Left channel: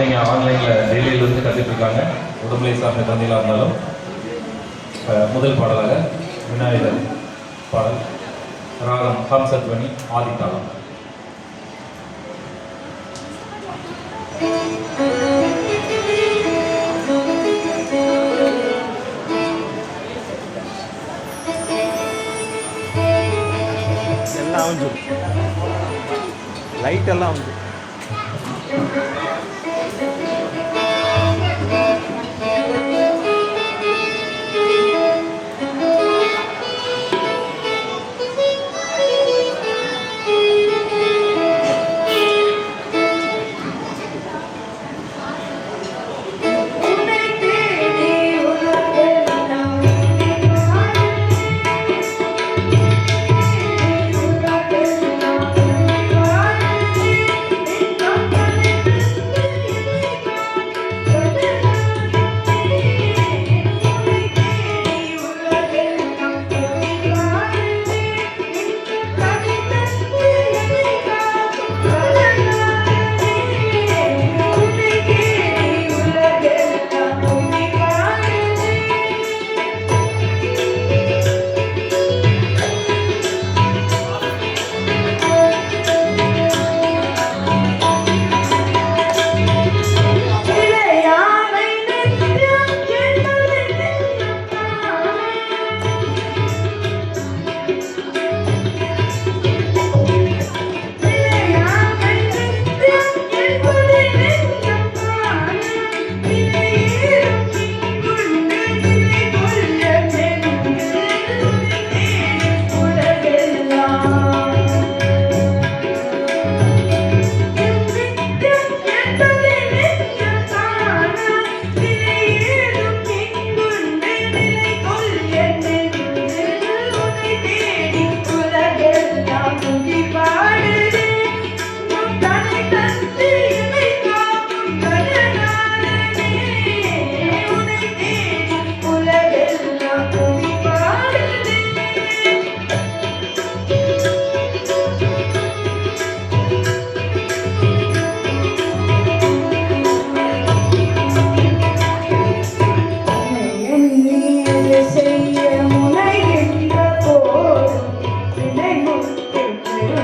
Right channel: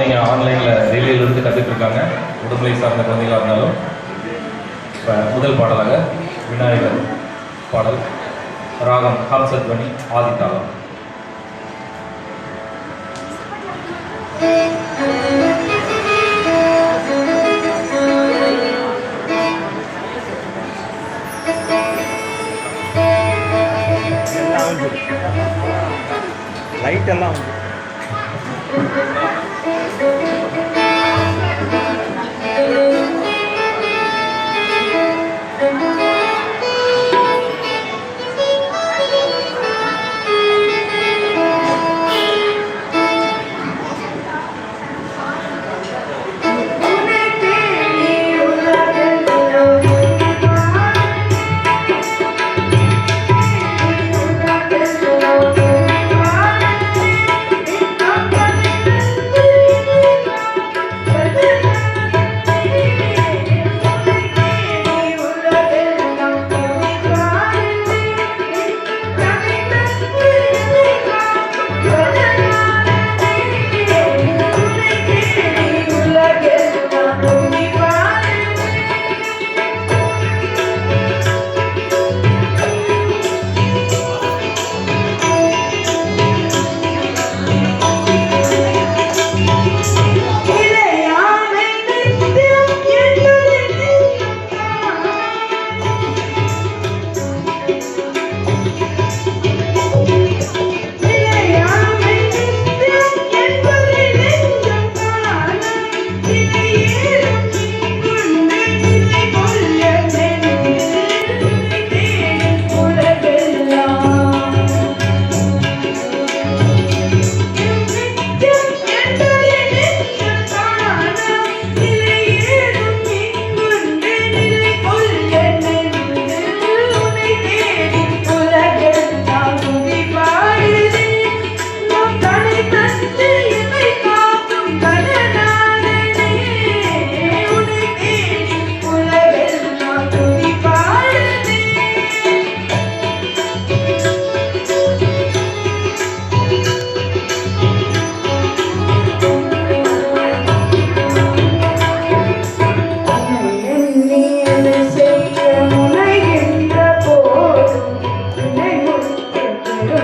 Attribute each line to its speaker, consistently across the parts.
Speaker 1: நீங்கள் ஆன்லைனில் டெல்லியிலிருந்து கற்றுட்டு இருக்காங்க. உடுமலை சார்ந்த குழந்தைகளாக இருந்தாலும் முதல் பாடலாக விநாயகர் பாடல். ராகம் ஹம்சத்வனி ஆதித்தாளம்.
Speaker 2: எல்லாம் உண்டு Thank you.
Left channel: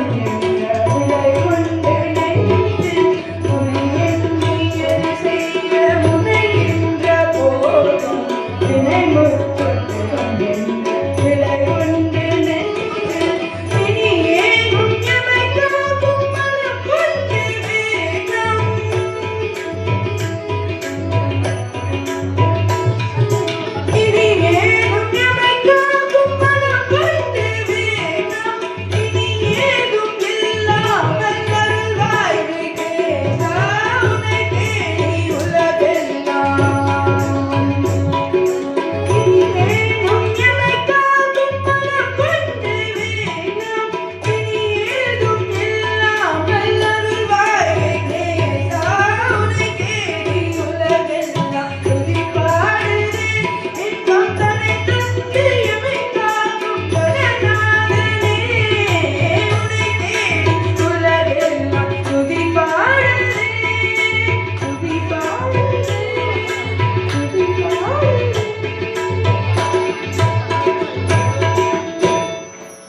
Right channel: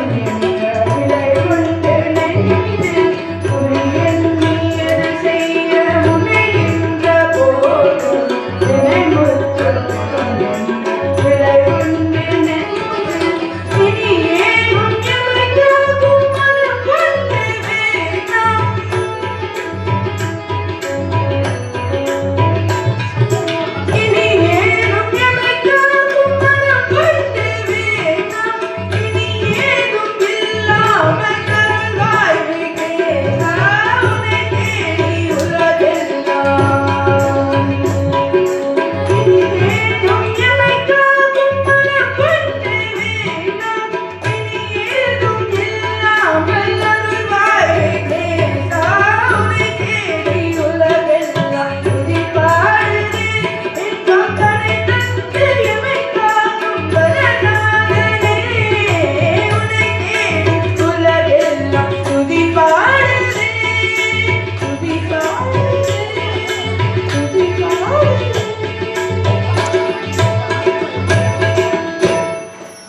Speaker 2: Yeah.